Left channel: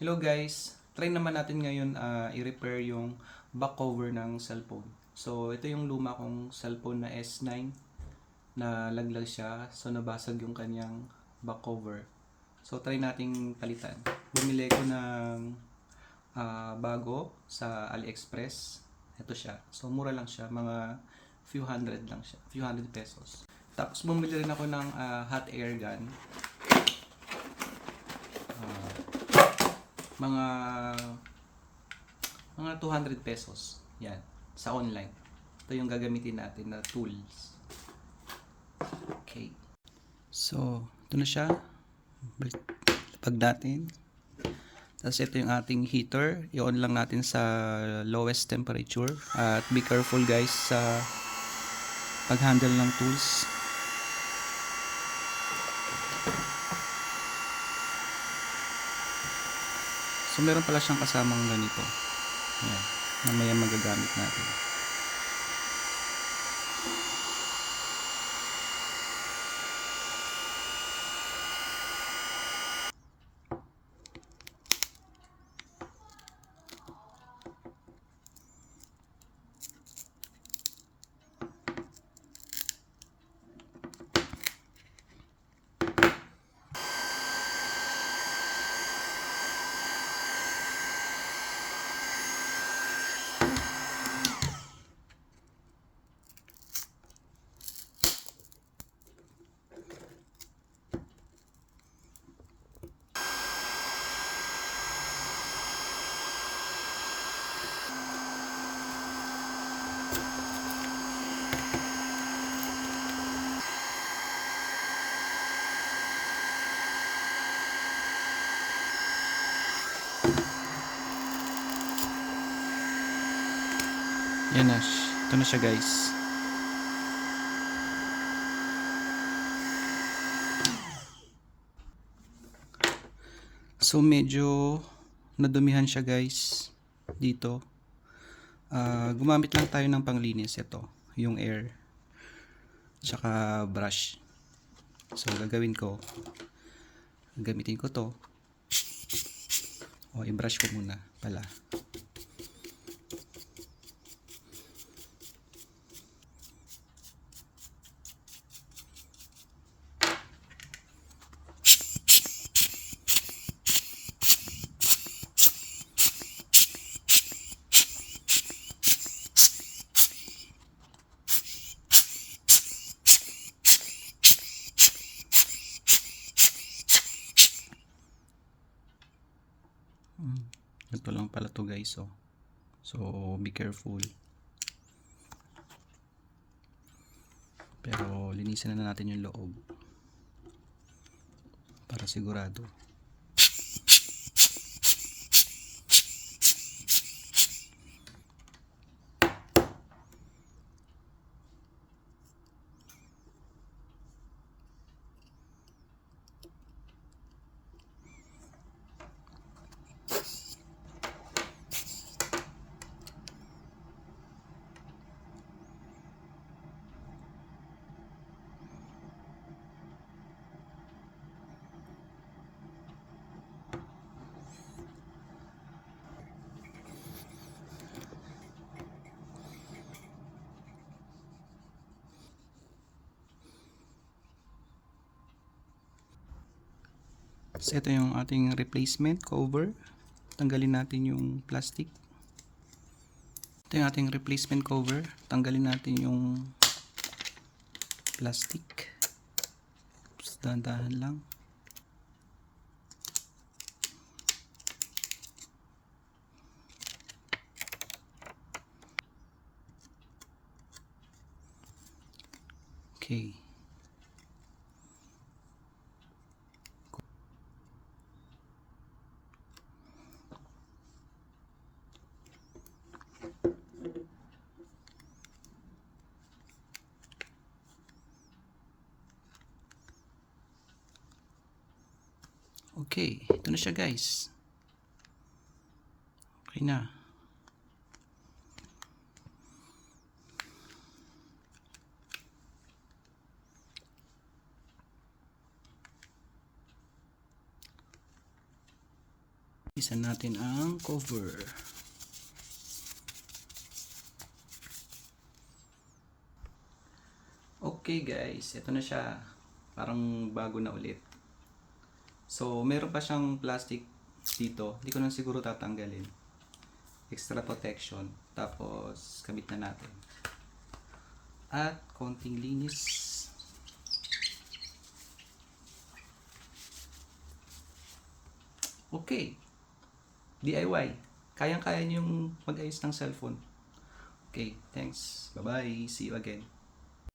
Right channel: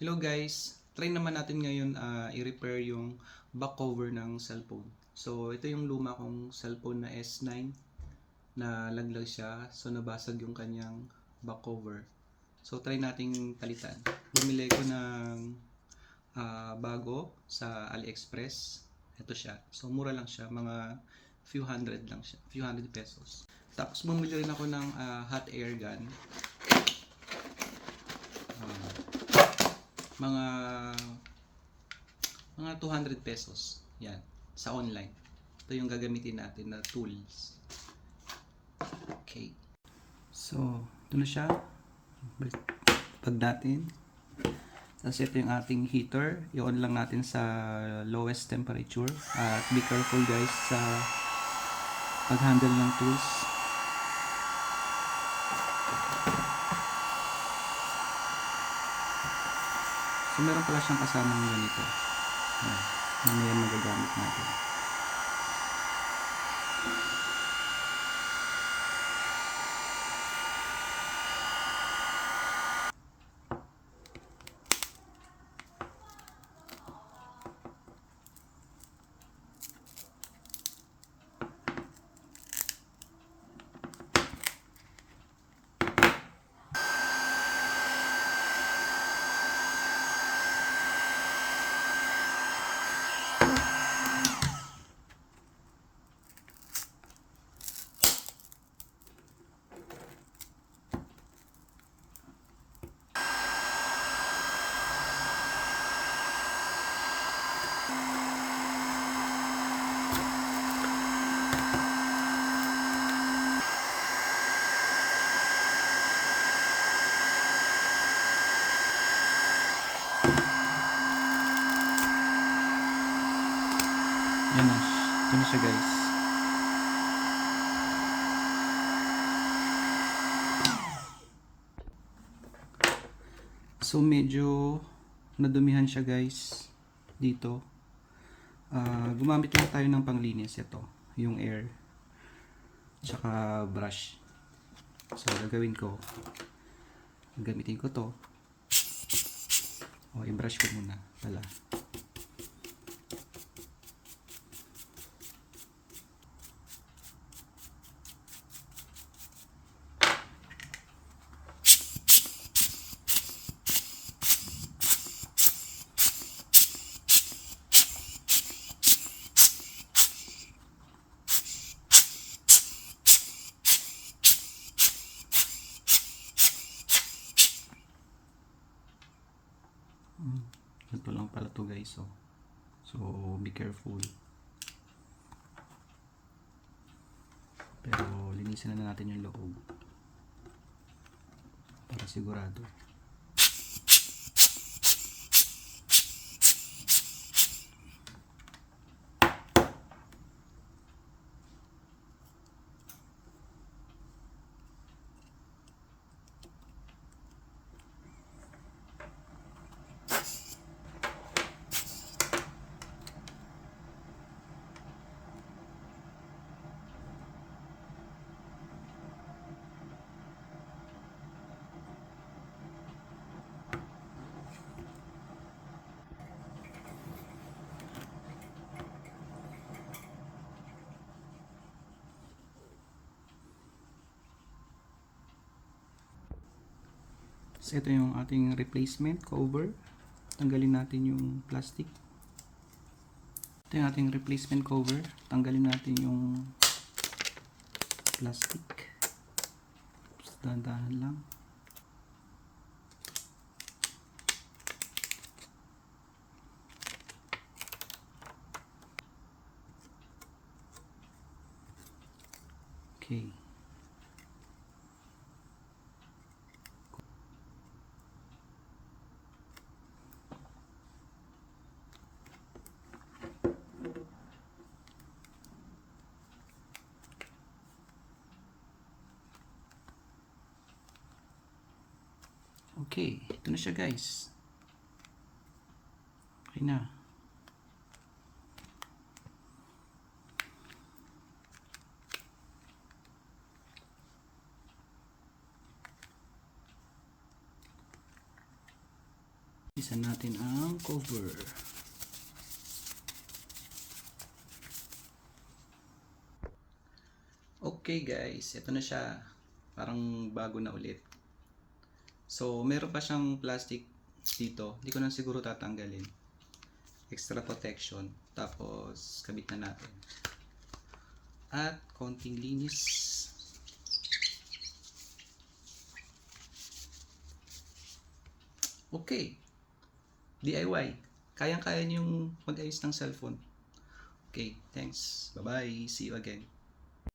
Hello guys, try naman natin ngayon i-repair yung back cover ng cellphone. So ito yung luma kong cellphone na S9 na laglag siya, so nabasag yung kanyang back cover. So try nating palitan. Bumili ko ng bago sa AliExpress. Ito siya. So mura lang siya, mga few hundred lang siya, few hundred pesos. Tapos bumili rin ako ng hot air gun. Mga 200 pesos. Yan, sa online. Ito yung gagamitin natin na tools. Okay. So, ito na siya. Pag natin. Tapos ito yung ating heater. I-on lang natin sa lowest temperature. At be careful guys sa pag-handle ng tools. So, meron pala siyang kasamang ganito. Ayan. Mamaya magagamit natin. Yan na. Ito na siya guys. So medyo nadumihan siya guys dito. Gumamit lang tayo ng panglinis. Ito, yung air tsaka brush. So gagawin ko, gamitin ko to. I-brush ko muna pala. Ito lang pala to guys. So be careful. Pero linisin na natin yung loob para sigurado. So ito yung ating replacement cover. Tanggalin natin yung plastic. Ito yung ating replacement cover. Tanggalin natin yung plastic. Dahan-dahan lang. Okay. Okay, ito na siya guys. Okay na. Isa natin ang cover. Okay guys, ito na siya. Parang bago na ulit. So, meron pa siyang plastic dito. Hindi ko na siguro tatanggalin. Extra protection. Tapos, kabit na natin. At konting linis. Okay. DIY. Kayang-kaya niyong mag-ayos ng cellphone. Okay, thanks. Bye-bye. See you again.